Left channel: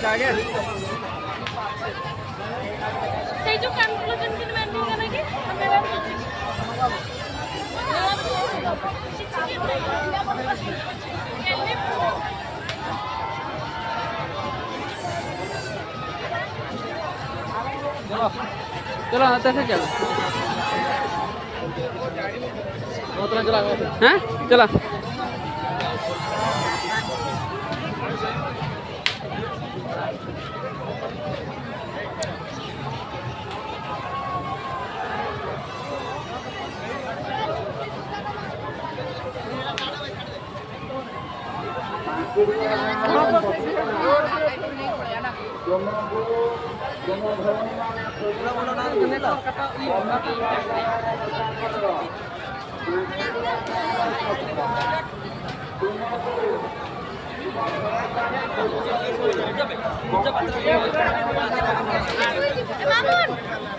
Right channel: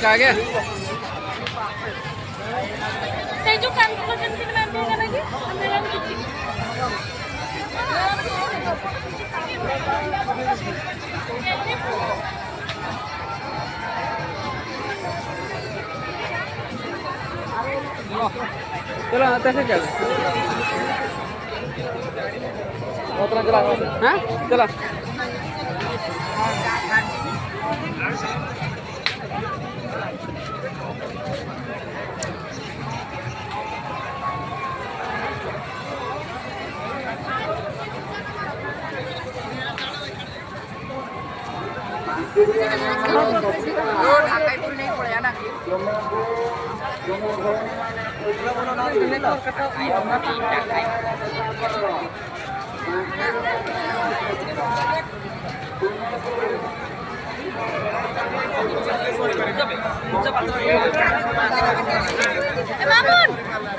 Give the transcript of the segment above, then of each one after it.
आ गया ସେ ଯୋଉ କାନ୍ଥୁଲ ଯେମିତି ମାରି ହେଇଗଲା କି चलो आता से चल चला हैं चला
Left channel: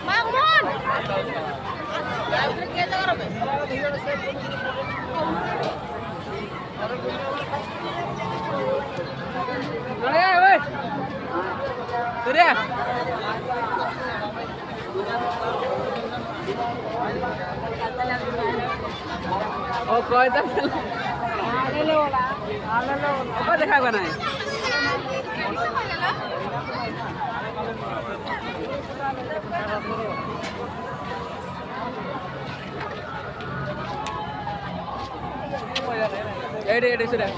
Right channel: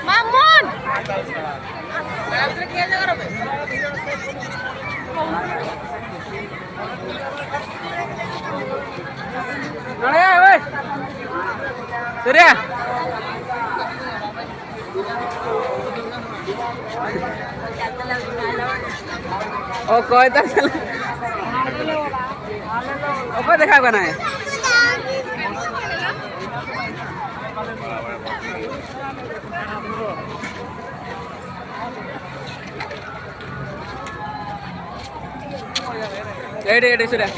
Mamun. Nale woi. Surya. Oh, kau itu apa देखा बना है एडे सुdah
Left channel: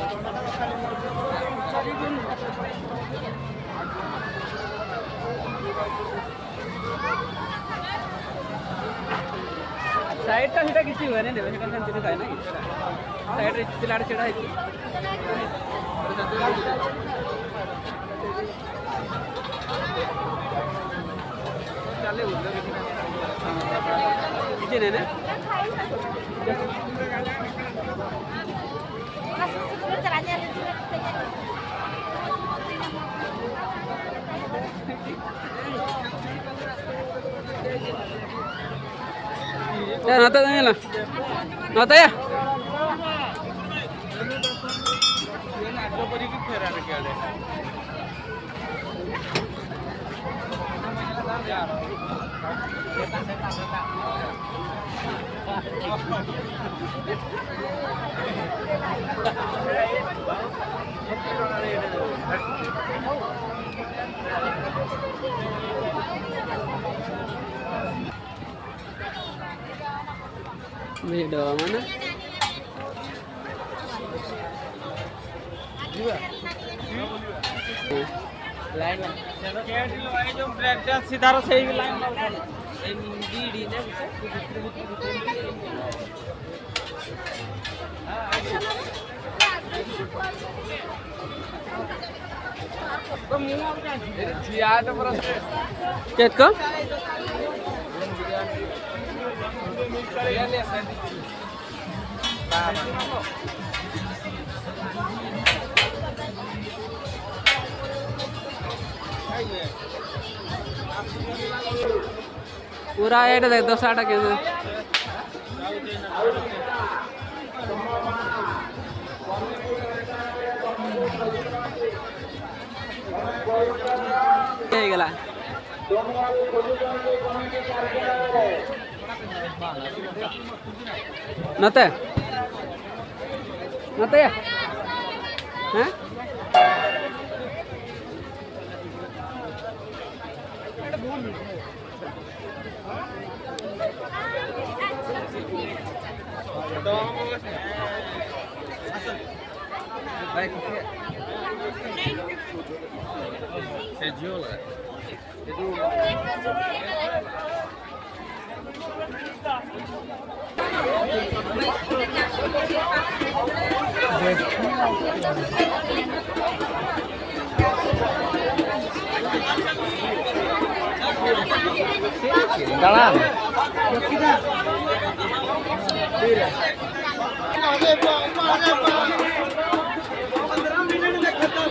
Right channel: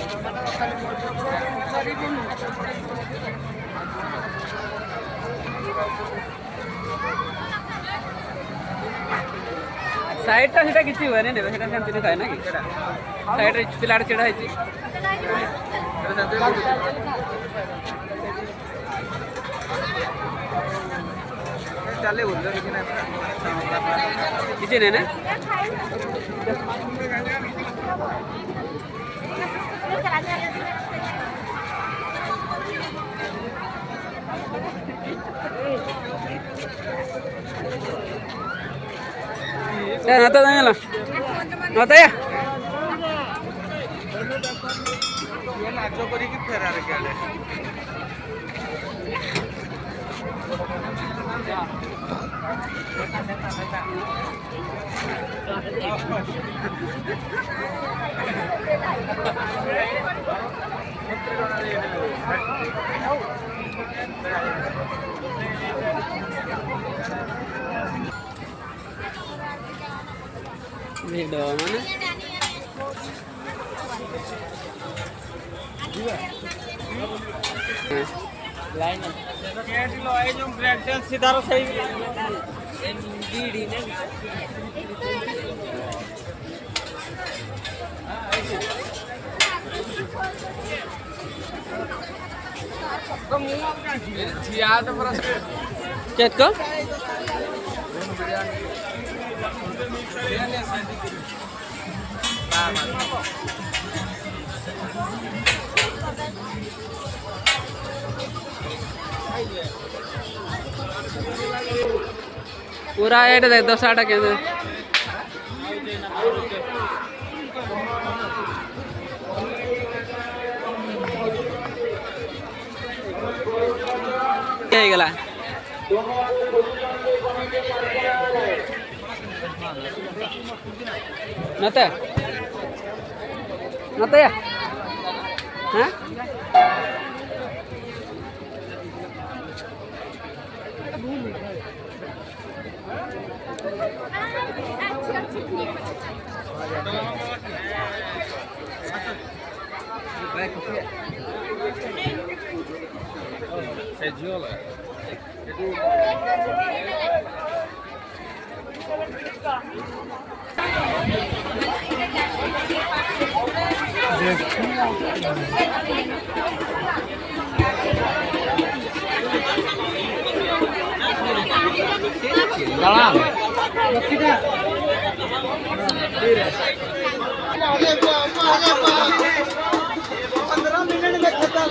साइड टा हिटा किछि हुए नै देबे हिटा कंटिन्यू काय ना कि साइड रे पिलाड छेड़ा है चले उधर किछि नै ना ya nata tanya lah nata ya Video mana? Line कैट लो है जो ब्रेक सीधा सही लाइन एमडीडी ने याद पर केक को पूरा ऐड देख 10 के गला नते नते या हाँ Dalam. 15 मिनट में खत्म।